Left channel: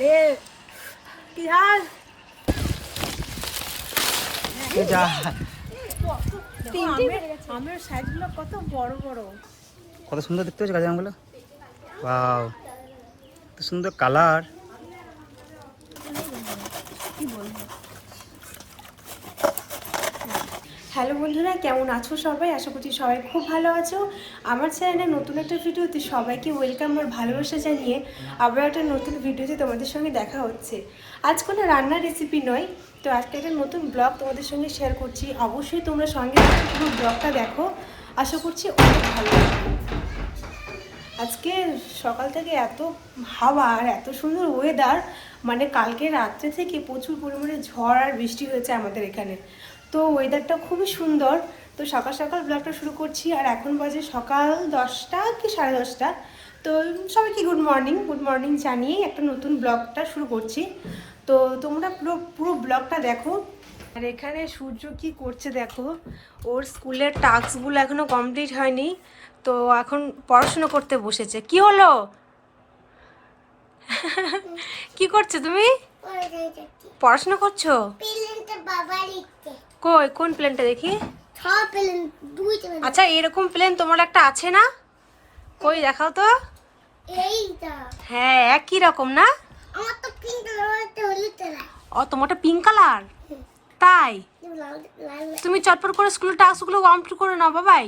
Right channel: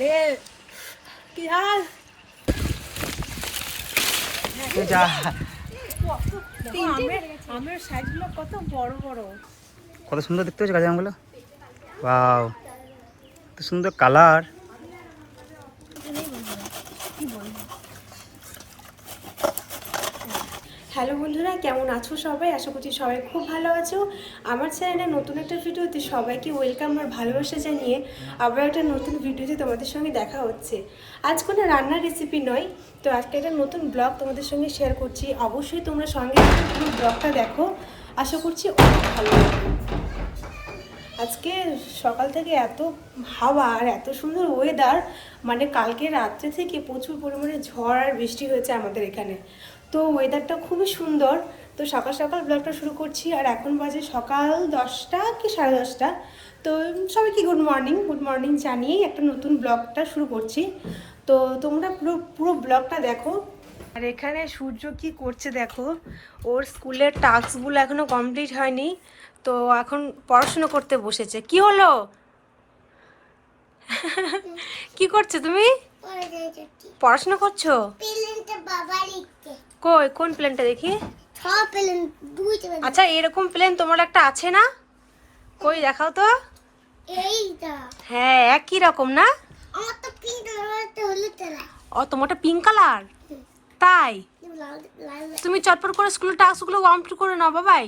রে কি হাল? যা। আমের আমের সাইজগুলো কত বড় বড়। কত সুন্দর দেখতে হচ্ছে গাছ আমগুলো বাও কত সুন্দর কালার। হ্যালো বন্ধুরা, কেমন আছো সবাই? আশা করছি সবাই খুব ভালো আছো। আমার চ্যানেলে নতুন একটা ভিডিওতে সবাইকে ওয়েলকাম আর ভালোবাসা জানিয়ে আবার একটা নতুন ভিডিওতে তোমাদের সঙ্গে দেখা হচ্ছে। আজ কোনো রান্নার রেসিপি নয়, তো আজকে একটা নতুন ব্লগ তোমাদের সঙ্গে শেয়ার করছি। অবশ্যই তোমরা সঙ্গে পুরো ব্লগটা দেখো। আশা করছি অনেক ভালো লাগবে। আজকে সকাল থেকে এত হাওয়া আর এত সুন্দর ওয়েদার মানে কালকে রাত্রে থেকে প্রচুর পরিমাণে ঝড় আর বৃষ্টি হয়েছে আমাদের এখানে। তো ওয়েদারটা খুবই সুন্দর। তো সকাল সকাল ব্লগটা শুরু করছি আর এখন বাজে সকাল দশটা কি সাড়ে দশটা। তো সবাইকে গুড মর্নিং গুড মর্নিং জানিয়েই একটা নতুন ব্লগটা শুরু করছি। তো তোমরা পুরো পুরো ব্লগটা দেখো। আর এখানে সূর্য কি করছে দেখো। ওর স্কুলের টাস্কগুলো এখনও কমপ্লিট হয়নি। তো এখন পড়াশোনা করতে বসেছে। কি হলো? কি করছ তুমি? পড়াশোনা করছ। বাবা কই কোন প্লেনটা দেখি? আচ্ছা এরকম প্লেন তোমার একটা আছে না? কই দেখাও তো। হ্যাঁ একই রকম না? ও তোমারটা পিঙ্ক কালার তাই? তুমি চটপট করে স্কুলের টাস্কগুলো কমপ্লিট করে নাও বাবাই।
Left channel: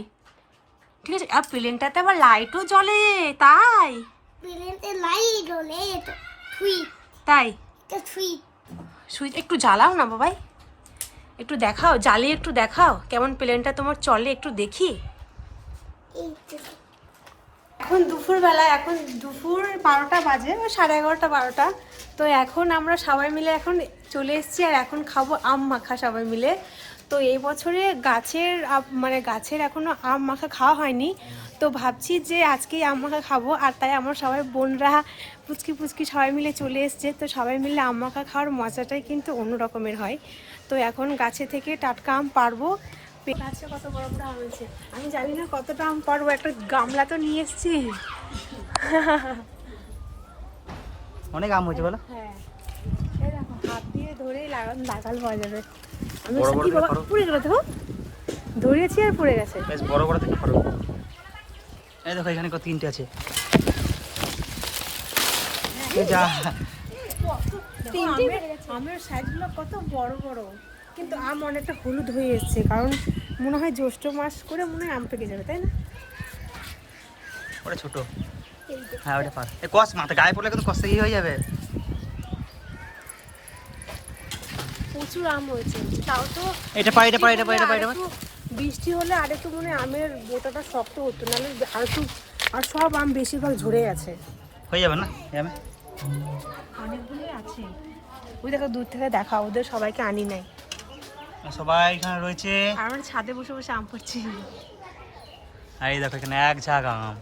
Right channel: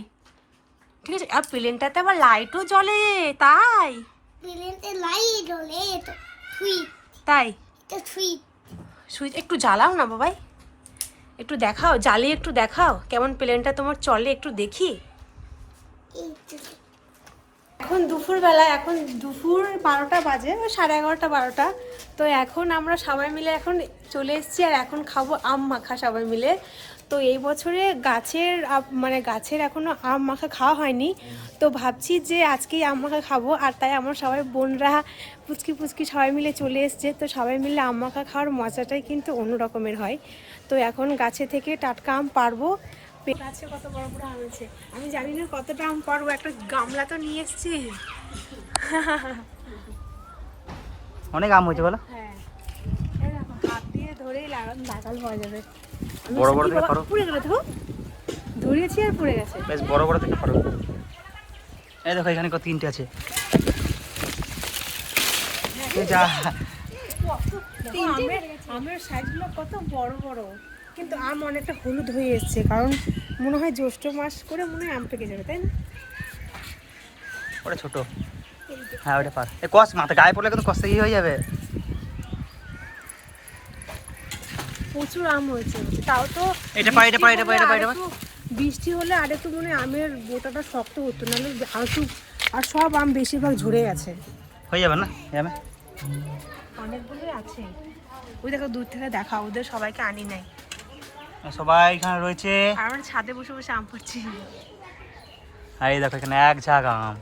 ঠিক আছে? আর প্লেনটাতে আবার লাইটও জ্বলে তাই? প্লেনতে লাইট হলে তাই? সুইচ একটু জ্বালাও না বাবাই। একটু দেখাও জ্বালিয়ে একটু দেখাও, কেমন প্লেনটা তোমার চলে একটু দেখি। এখন দুপুরবেলা, এখন দুপুর বারোটা বাজে, সাড়ে এগারোটা বারোটা। তো এখন আমরা সবাই মিলে এখন চলে এসেছি আর এখন খাব আম মাখা সবাই মিলে। তো এই বছরে গাছের মানে গাছের এখনও আম মাখা খাওয়া হয়নি। তো ভাবছি যে আজকেই আম মাখা খাব আর তাই আমার সবাই বোনরা পুচকি পুচকি সবাই মিলে চলে এসছে। তো সবাই মিলে আম মাখা খাওয়ার মজাটাই কিন্তু অন্য রকমের হয়। তো এখন গাছে থেকে টাটকা আম পারব। গাছে কত বড় বড় আম আছে? আমি জানি না কতটা আম পারব একটা গামলা তো নিয়ে এসেছি। অনেক আম হয়েছে বলো। হ্যাঁ। হাত দিয়ে ধরেই লাগাল লাগাল হয়ে যাবে। বড় বড় বাবা- পারো? পুড়ে গেল দেখো ধরিয়েছি আর পুড়ে গেছে। বেশ বড় বড় দেখে পারো। এই দেখো এখানে কত তিনটে আছে। এই যা। আমের আমের সাইজগুলো কত বড় বড়। কিন্তু আম অনেকটা হলুদ হয়ে এসছে কারণ মনে হয় জ্যৈষ্ঠ মাস করে মনে হয় আম পেকে যাবে তাই না? ওটা ছোট। হ্যাঁ ওটা পার। এ কস মাথা গায়ে পড়লে কিন্তু কষ্ট হয়ে যাবে। প্রচুর আম হয়েছে। তাও তো এটা পার এটা পার এটা পার এটা পার এটা বৃষ্টি হলে আর একটু মনে আমের বোটাটা শক্ত হতো নাহলে আর একটু আর সব আম বেশিরভাগ ঝরে গেছে। হয়ে যাবে না যাবে অনেকগুলোই আছে। ওই দেখো দূর থেকে দেখা ওদের সবাইকে আনি নাই। সবাই এখানে রয়েছে। আমরা ছাদে বসে বসে আম পাচ্ছি আর এই দেখো এখানে এক ঝাঁক আম।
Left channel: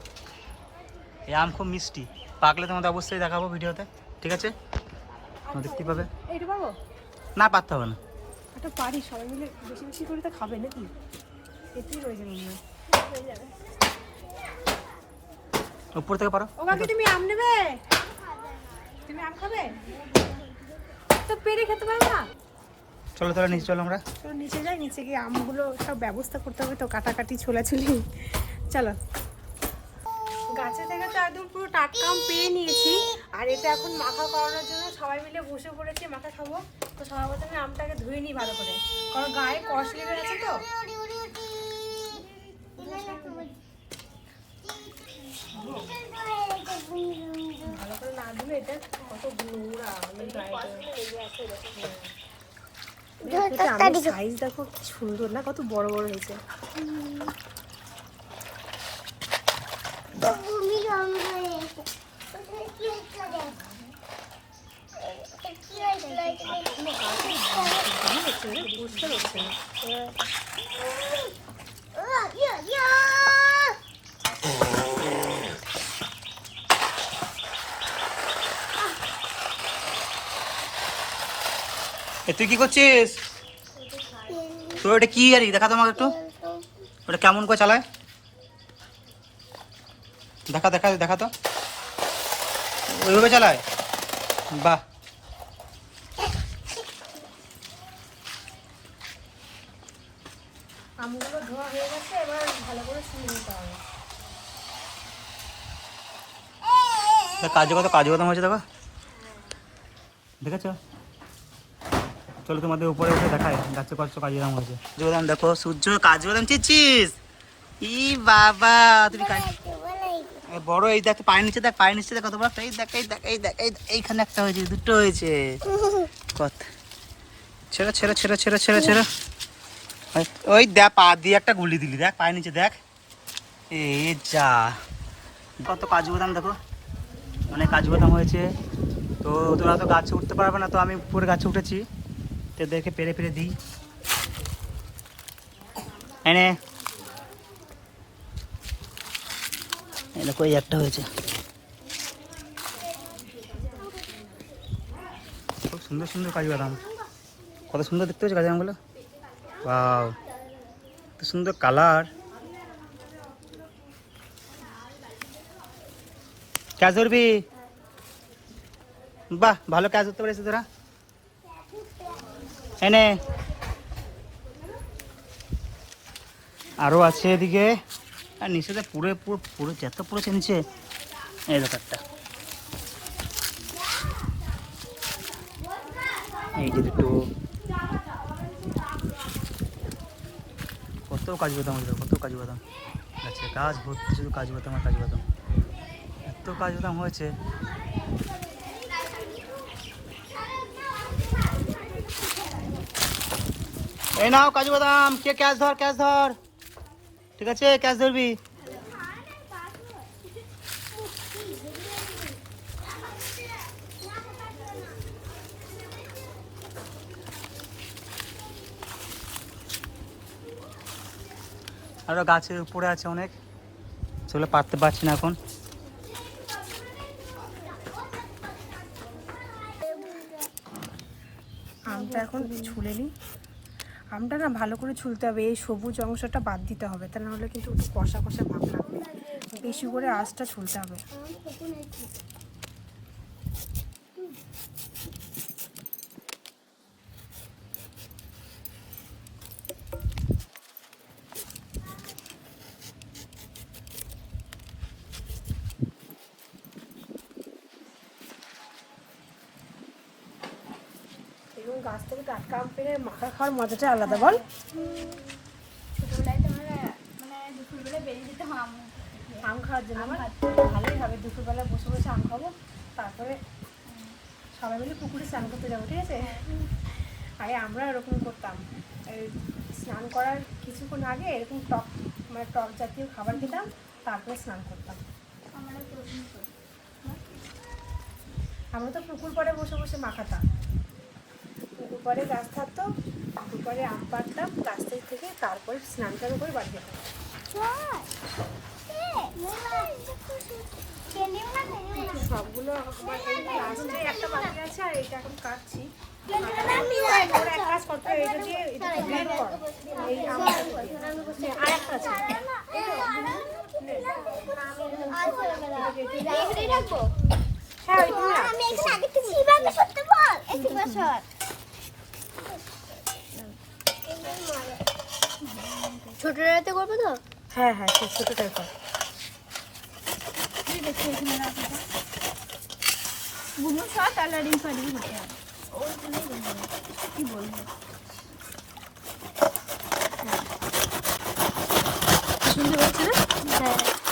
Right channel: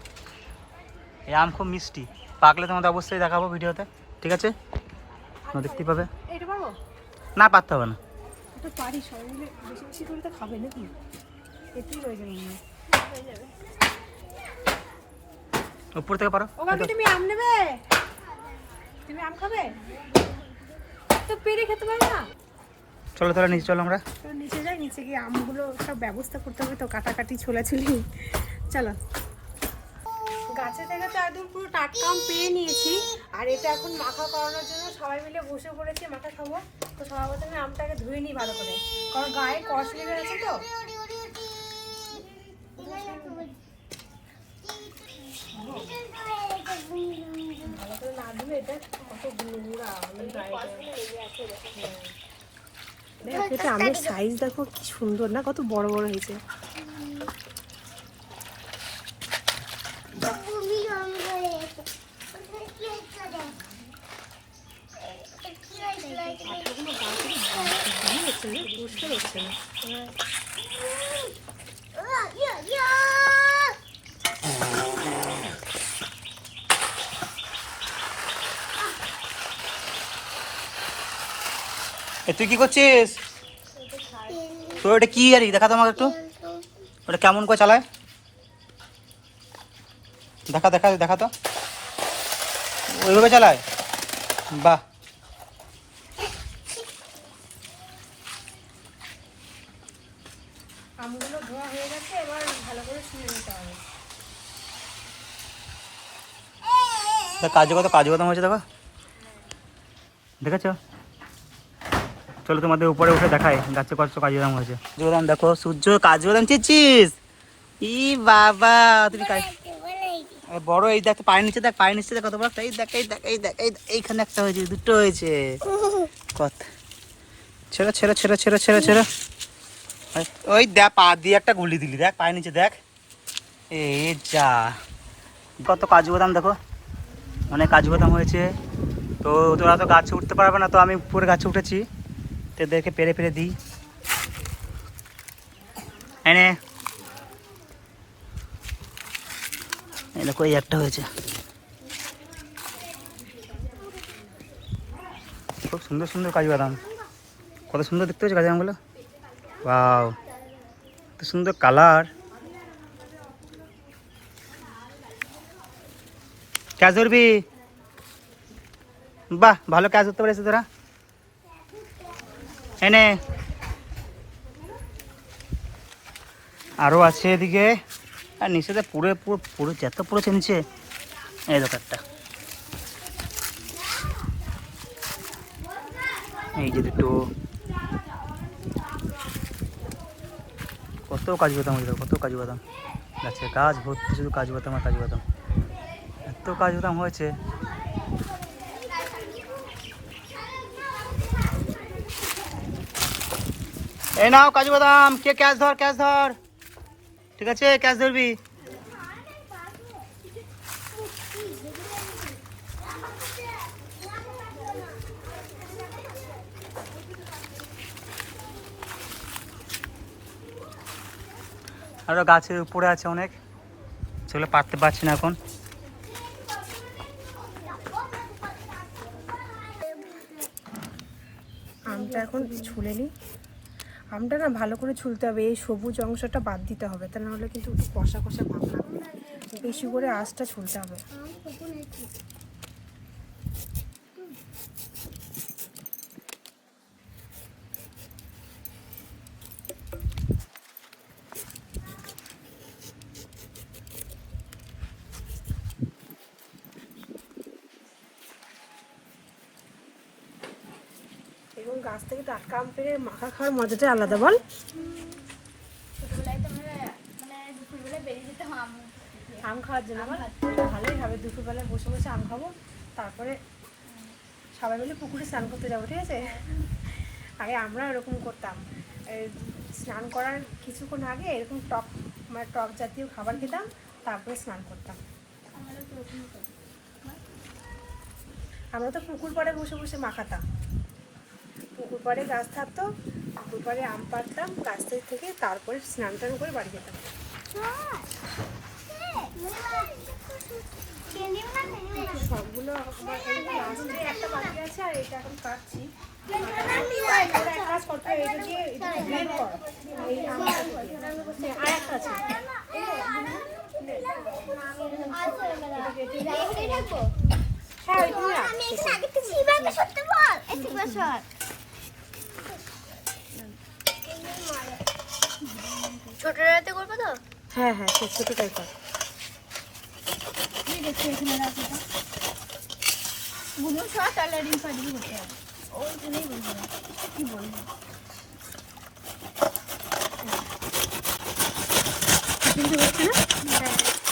এই আম খুব মিষ্টি। পাকলে তোমাদের অবশ্যই দেখাবো ভিডিওতে। ঠিক আছে? তোমরা দেখতেই পাবে। না পারতে হবে না। একটা পারি সবাই মিলে বেশি বেশি করে তো খাবে নাকি? এতেই হয়ে যাবে উপর থেকে পারো। ও কাকি তুমি আম নেবে? তুমি আম খাবে? তো পেরে খেতে পারবে না? চলো চলো নিচে চলো আমরা। তো নিচে যাই নিচে গিয়ে আমগুলো সব ব্যবস্থা করতে হবে তো কাটাকাটি ছোলাছুলি। চলো। গাছে থেকে তো একদম পুরো টাটকা আম পেয়ে নিয়েছি। আর এটা এখন মাখা করানোর জন্য সবাই মিলে বসে পড়েছি মাখা খাব। তো সবার প্রথমে আমটাকে ধুয়ে নিই ভালো করে। কারণ গায়ে কষ লেগে গেছে তো। ভালো করে না ধুলে এটা কত নোংরা আমের গায়ে দেখ, সাইজ দেখো কি সুন্দর না কত বড় বড় হয়েছে। তুই কি করছিস? তোর ওটা কি আর? দেখা তো আমাকে একটু। ওটা কেমন করে চালায়? দেখা দেখা দেখা তো। ওইভাবে চালায়? বাহ। আমগুলো ধোয়া হয়ে গেছে, এবার ভালো করে শুনে নিতে হবে। কাজু কত কাজু বাদাম হয়েছে দেখো? দেখেছ? চলো তোমাদের উপরে উঠে দেখাই, গাছে কত কাজু বাদাম হয়েছে। কাজু বাদাম দেখো, সূর্য কাজু বাদাম চিচ্ছিস ই বাবা, তুমি কাজ বড় এই দেখ, পায়ের নিচে দেখ, পায়ের নিচে দেখ কত বড়। এই দেখ এই দেখ এই দেখ, এই এইখানে একটা হয়েছে, দুটো হয়েছে। কত? ছেড়ে ছেড়ে ছেড়ে ছেড়ে ছেড়ে ছেড়ে। ওই- দেখ, পা দিয়ে একটা গুলি দিলি, দেখ, পায়ের নিচে দেখ। এই যা। কত কাজু বাদাম, দেখো। অনেক কাজু বাদাম হয়েছে। তো তোরা তো গাছে উঠতে পারবে না, তো আমি উপরে গাছে উঠেছি। তো এদেরকে পেরে পেরে দিই। এনে দেখো, এই একটা হয়েছে। খুব সুন্দর সুন্দর কাজু বাদাম। কত সুন্দর দেখতে হয়েছে কাজু বাদামগুলো। বাও কত সুন্দর কালার। ক্যাচ ধরবি বাহ, ভালো ক্যাচ ধরতে পেরেছিস তোরা। এনে। আরও আছে এদিকে। আর নিচেতে পুরো পুরো পুরো যত পড়েছে নিচে। এই ব্যাপারটা এই যে দুটো। কত কাজু বাদাম হয়েছে কত কাজু বাদাম গাছে গাছ ভর্তি, শুধু কাজু বাদাম আর কাজু বাদাম এত কাজু বাদাম হয়েছে। এই নাও, কাজু বাদাম কে ক্যাশ ধর ক্যাশ ধর। ঠিক আছে ক্যাশ ধরবি। আরও গাছের উপরে আছে অনেক। সেগুলো পারতে পারছি না এখন। আমটা এখন ছুলে নিই আমটা না ভালো করে ছুলতে হবে, এই সবুজ অংশটা বাদ দিতে হবে, তা নাহলে কিন্তু কষা কষা ভাব লাগবে। বেশি করে আঁচটা ছুলতে হবে। এবং গাছ থেকে টাটকা আম পেরে মাখা খাওয়ার মজাটাই আলাদা বল। মানে আম খাওয়ার জন্য আমার ভালোই হবে দুপুরবেলায় বসে বসে আম খাব। তারপরে সবাই মিলে পুকুরে স্নান করতে যাব ঠিক আছে? আগে আমরা এরকম করতাম। স্নান করার কিছুক্ষণ আগে এরকম টক মানে টক জাতীয় খাবার খেতাম তারপরে স্নান করতাম। আমরা আমরা তো পুকুর পাড়ে বসে বসে মাখাতাম। পুকুর পাড়ে গাছ থাকতো পুকুর পাড়ে আম পাড়তাম গাছ থেকে তারপরে স্নান টান করে বাড়ি যেতাম সবগুলো লাস্টে একটা বাকি আছে আর এটা এখন কাটছি ওরা এক কাজ করতে হবে, এটা দিয়ে এটা blend কর এই আমটা দিয়ে। আর একটা আছে হ্যাঁ ওইখানে রাখ। ছোট রাতে করব তো? হ্যাঁ হ্যাঁ সেই ছোটোটাই কর বুনো শর্ট কালারিং কালারিং হতে ওই জন্যই বলব কি বলব?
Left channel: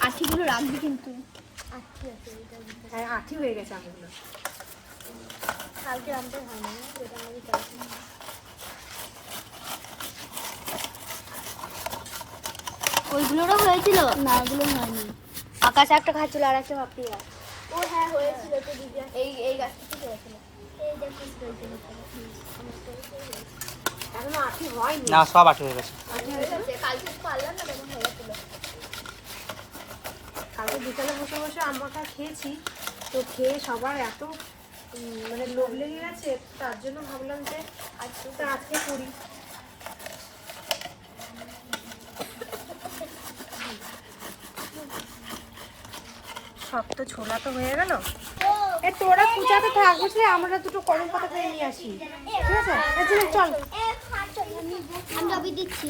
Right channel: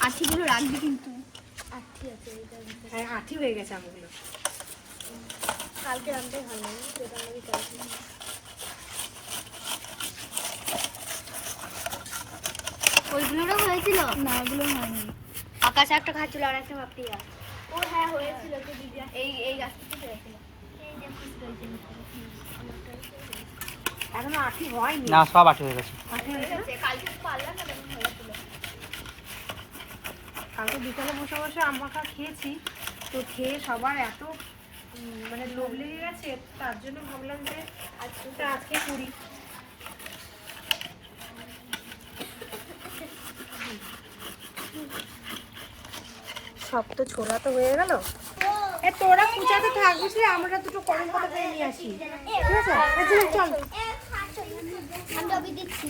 আঠিগুলো রাখবি কিন্তু। আঠি হ্যাঁ হয়ে গেছে আমগুলো কালকে রামটাই হয় না যেটা আমি করেছি ওইগুলোরও হয়েছিল? না ওগুলো হয়নি। আকাশ একটা খাচ্ছিল আর একটা ভাবতি গাছ ও হ্যাঁ হয়েছিল তো দিদি। এই এই গাছটা হয়েছিল। এই দেখো এখনও আঠি হয়নি। না সব আটে হয়ে গেছে। কালকে পারলাম না তখন হয়েছিল। কালকে বিকালে বসে বসে আম খেয়েছি। তো খেয়ে সবার এত মানে লোভ লেগে গেছে তার জন্য ভাবলাম যে আজকে আজকে করি। সব তো ছোলা তো হয়ে গেল। তোরা পূজাতে থাকবিস রে আমরা দুটো পাতা পেয়ে নিয়ে আসি। ঠিক আছে? চল, চল। আমি দিচ্ছি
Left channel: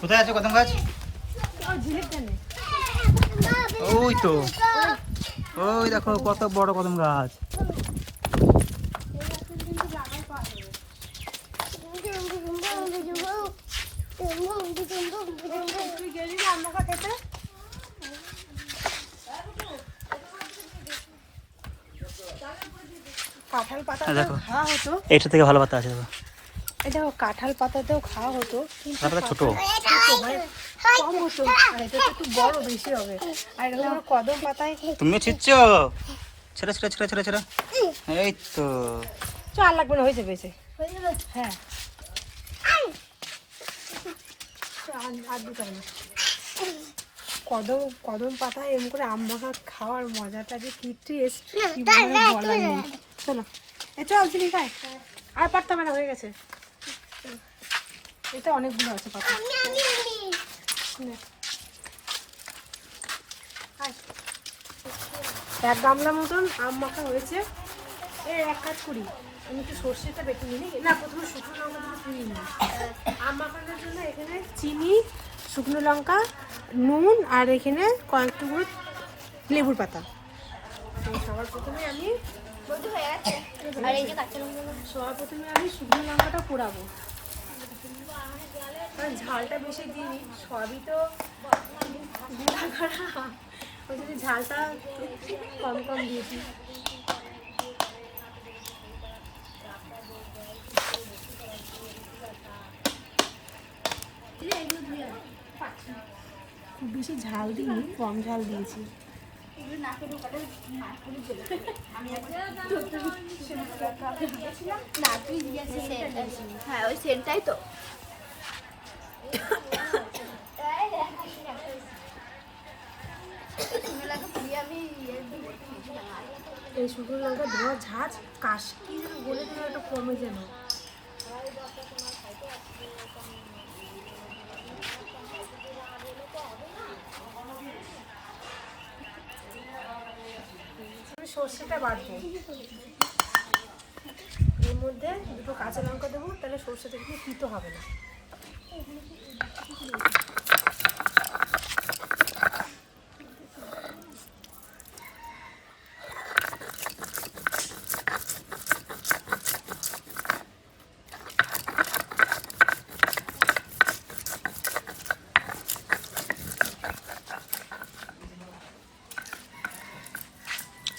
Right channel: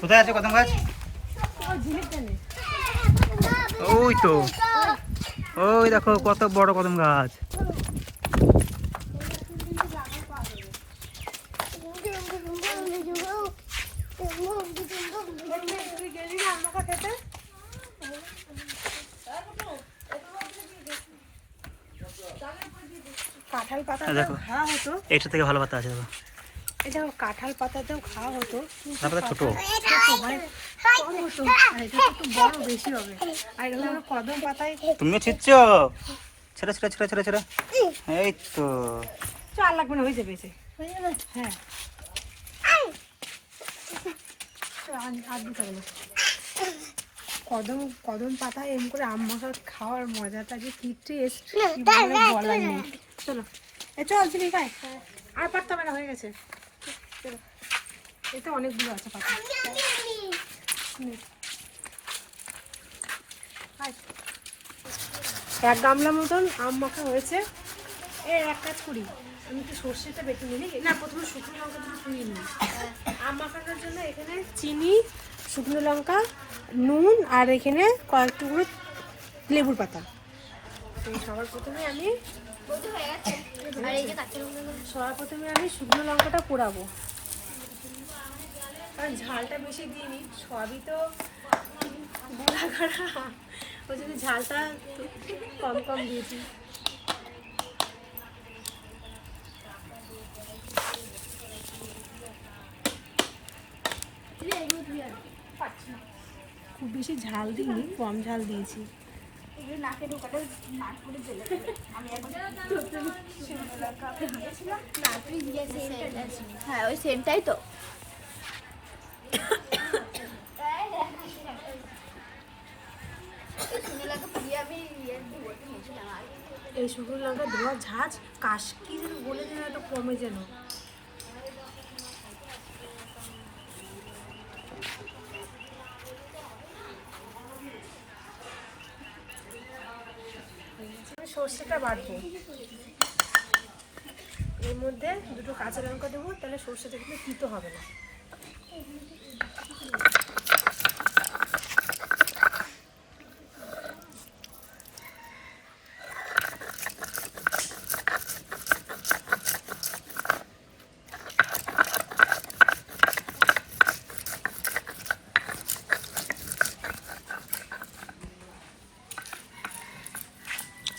কোথায় আছে কদম গাছ? ও ঝিলিক কেন ওই তো। ওই দেখো কত বড় কদম গাছ তুই গেলি না আমরা কথাতে কাঁঠাল পাতা হ্যাঁ, দেখো। খাওয়া হতো। এইটা থেকে ভালো পাতা আছে দেখো। দেখো কাঁঠাল পাতাতেও খাওয়া হতো পাতাটা ছোট। ছোট মানে কম হতো এটা একটু বড় বেশি হবে। আর এটা কদম পাতায় তুমিও ছিচ্ছ ছেড়ে ছেড়ে ছেড়ে ছেড়ে ছেড়ে। এই তো। চ আর লাগবে না হয়ে যাবে? হ্যাঁ। আর- না। কদম কদম পাতায় এমন করে আম মাখা খাওয়ার মজাটা যে কি টেস্ট বলার নেই। চলো। চল চিনি খাই। আর পারতাম না হয়ে গেছে। চলো। এটা অনেকগুলো আছে পাতা এক গামলার মতন আম মাখা হয়েছে। এ, এক কাজ করি। আমি একটু সর্ষেটা বেটে নিই। না, প্রথমে শুকনো লঙ্কা দুটো পুড়িয়ে নিই। আম মাখানোর জন্য এখানে চিনি, শুকনো লঙ্কা, নুন, আর এখানে কয়েক টুকরো লেবুর পাতা। তো সবার প্রথমে আমি সবার প্রথমে আমি শুকনো লঙ্কাটা পোড়াবো। কারণ ঝালটা বেশি দিইনি সবই তো গুঁড়া করা ওই জন্য ঝালটা কম কম দিয়েছি। খুব বেশি ঝাল দিইনি কম ঝাল দিয়েছি। হ্যাঁ ওই সেন্টটাই তো। ইয়ে এই শুকনো লঙ্কা ধোয়া ঝাঁজ কাশ কি। যেন বলে যেন একটু কমে যেন আমি সর্ষেটা বাটবো। এর মধ্যে দুটো কাঁচা লঙ্কা দেবো তাহলে সর্ষেটা কিন্তু তিতো হবে না।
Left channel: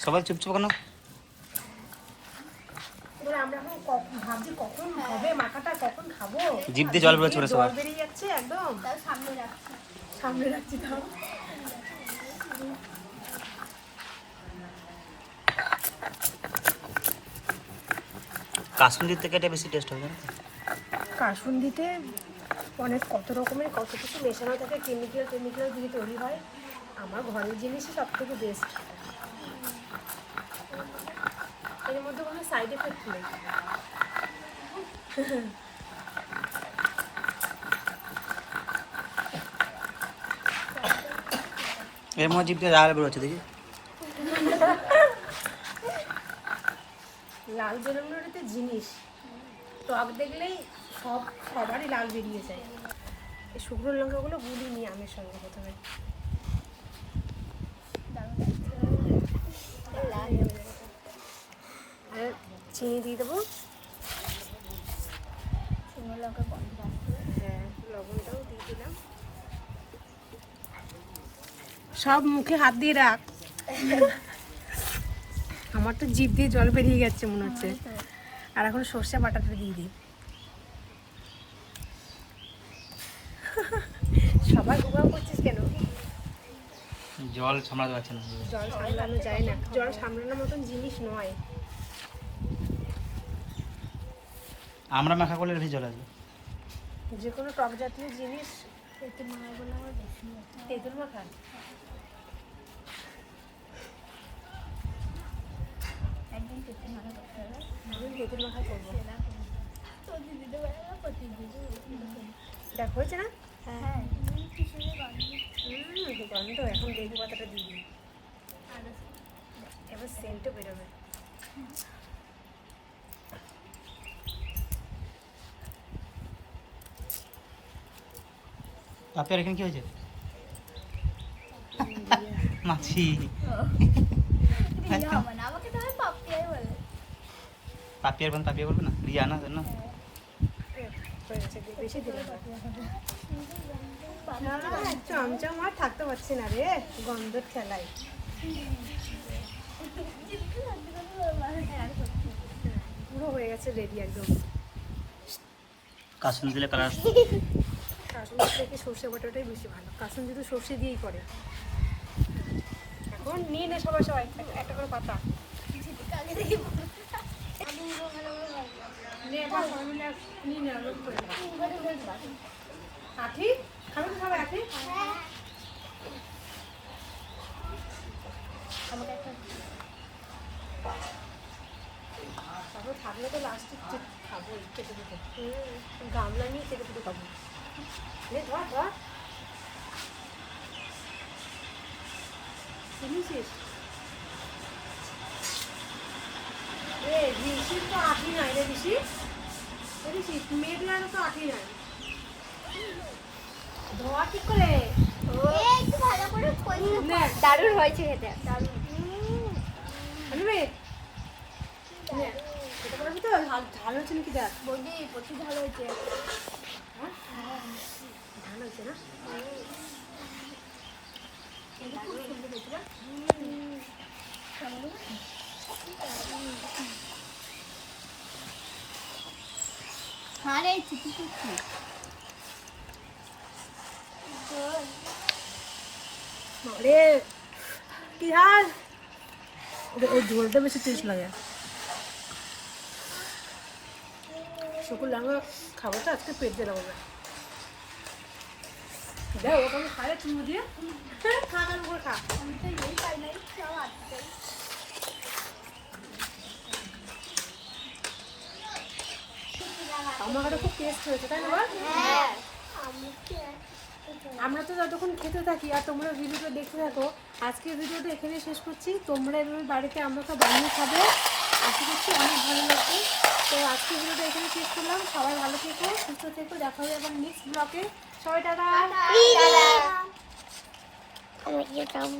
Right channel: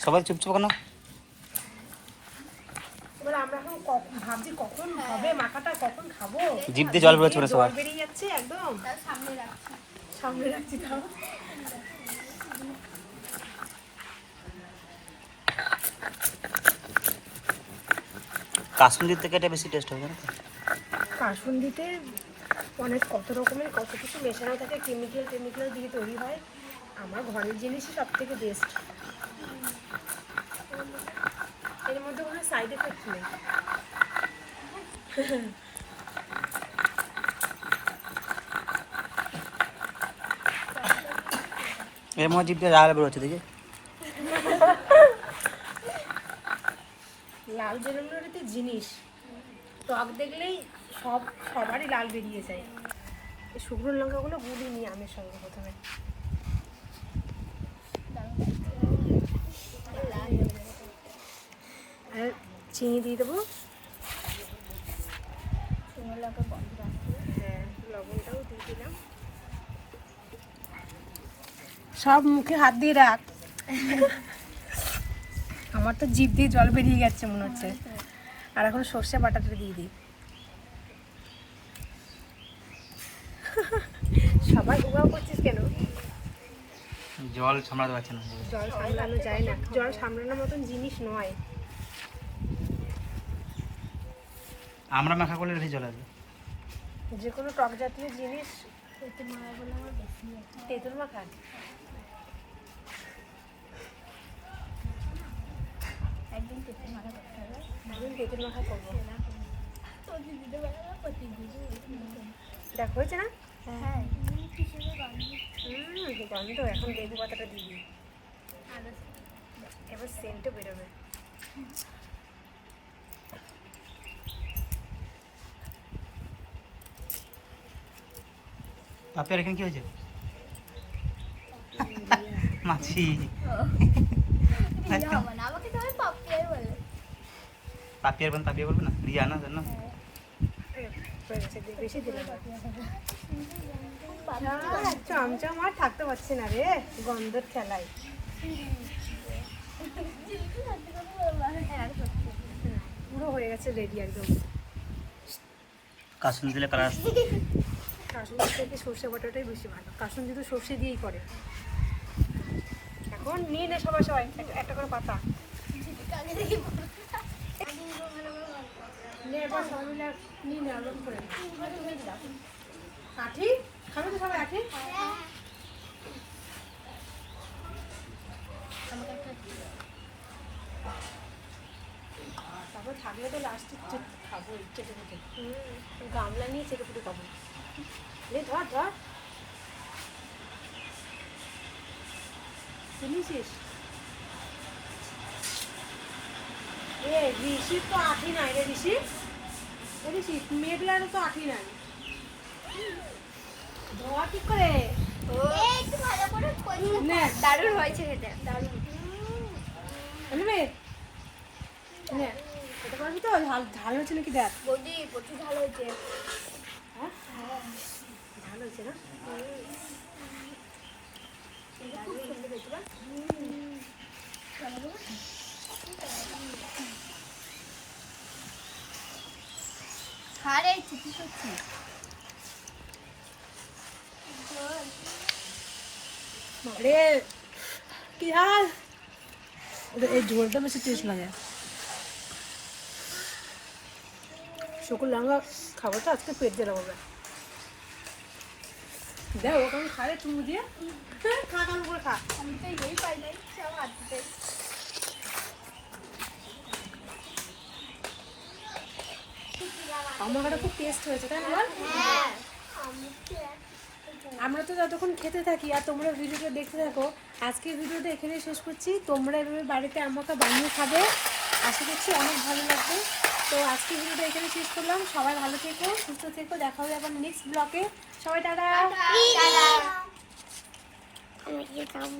সবাই চুপচাপ কেন? আমরা কখন ভাবছি কখন হবে মাখাটা কখন খাব? জিভ দিয়ে জল বেরোচ্ছে ওরা সবার। বেরিয়ে যাচ্ছে একদম। সামনে রাখছি। সামনে রাখছি তাও। কাশ্মীর থেকে এটা বেশি টেস্ট হবে জানো তো? কাসুন্দিতে অনেক কত রকমের কত কিছু মেশানো থাকে কেমিক্যাল টেমিক্যাল দিয়ে তৈরি হয়। আমার ঘরের জিনিসই সব থেকে বেস্ট এর মধ্যে কোনো সাইড এফেক্ট নেই। এর মধ্যে জিভ দিয়ে লাল বেরোচ্ছে দেখি। লাল বেরোনোর একটা জিনিস। টক দেখলেই সব সবারই লাল বেরিয়ে যায়। এই শুকনো লঙ্কাগুলো গুলি নিয়ে আমের সঙ্গে প্রথমে আর চিনি দিয়ে দেবো। শুকনো লঙ্কা গন্ধ হ্যাঁ লবণটাও দিয়ে দিলাম। সব মুখে হাত দিয়ে রাখ। আমার তো জিভ দিয়ে জল বেরিয়ে গেছে মনে হচ্ছে। আর এখন সর্ষে বাটাটা দিয়ে দিই। সবাই উগাও করছিস কেন? জল সামলাতে পারছে না। জল সামলানো যায় না। জল সামলানোর মতন জিনিস নয়। আমরা মাখা করলে বেশি জল আসবে যে কোনো টক জাতীয় জিনিস তেঁতুল মাখা বলে আমার বেশি তেঁতুল মাখা একদিন পেটে মাথা করতে হবে। একদিন তেঁতুল মাখা করব। দেখ হয়েছে না? হ্যাঁ। গন্ধ হুম এখন পাতাটা এবার সেন্টও বেরোবে। পাপিয়ার এখানে কি হয়েছে? মাছি রিয়া হবে না আমাকে তো পাপিয়াই বলে। পাপিয়ার বোন পাপিয়া বলবে না? রিয়া না জানো? হয়ে গেছে দে, বেশি দিলাম না। চমচম আর থাকতে পারছি না রে গন্ধর খেলায় হ্যাঁ পুরো হয়ে গেছে রেডি একদম। কাসুন দিলে কালার কাসুন থেকে সর্ষে বাটাটাই বেশি ভালো। কাসুন যদি সর্ষে দিয়েই করে। এখন নিয়ে নে সবাই সবাই একটা- করে পাতা। আঠি? খাবে তো সবাই আমাকে একটা তারপর থাকলে তো লাস্টে খাব চেটে পুটে। গামলা নিয়ে চেটে পুটে খাব। নে ধর ধর। শুনেছিস? এ ঋষির তো আঠি নাই রে ঋষি। ঋষি মেঘলারও তো আঠি নাই। ধোয়া ঠিক করে। একটু ভালো করে দারুণ হয়েছে খেতে। দারুণ। এটা পারবি তো? ঝাল ঝাল হয়েছে নাকি দেখ। বৌদি প্রচুর ভালো হয়েছে। না? চিঠি বাবারে কি হাল? এই ঝোলটা বেশি টেস্ট লাগে। শুকুর লাঙ্গা খাব তো আজকে পেট দিয়ে হবে দেখ ওকে আমি খাবে চুমু দিয়ে হ্যাঁ, খা খা করে খা। আমি তো এই পাই নাই সব হাতে আমার খুব টেস্ট হয়েছে তাই না বল? হ্যাঁ। আমরা তো যতক্ষণ খেতে থাকি আর তোমরা ভিডিওটা দেখতে থাকো আজকের ভিডিওটা এখানেই শেষ করছি। তোমরা এভাবে বাড়িতে আমাকে বানিয়ে খাবে আশা করছি অনেক ভালো লাগবে। তো আজকের ভিডিওটা এখানে শেষ করলাম। সবাই ভালো থেকো সুস্থ থেকো। দেখা হবে আবার নেক্সট ব্লকে সবাই টাটা আমি কি খাব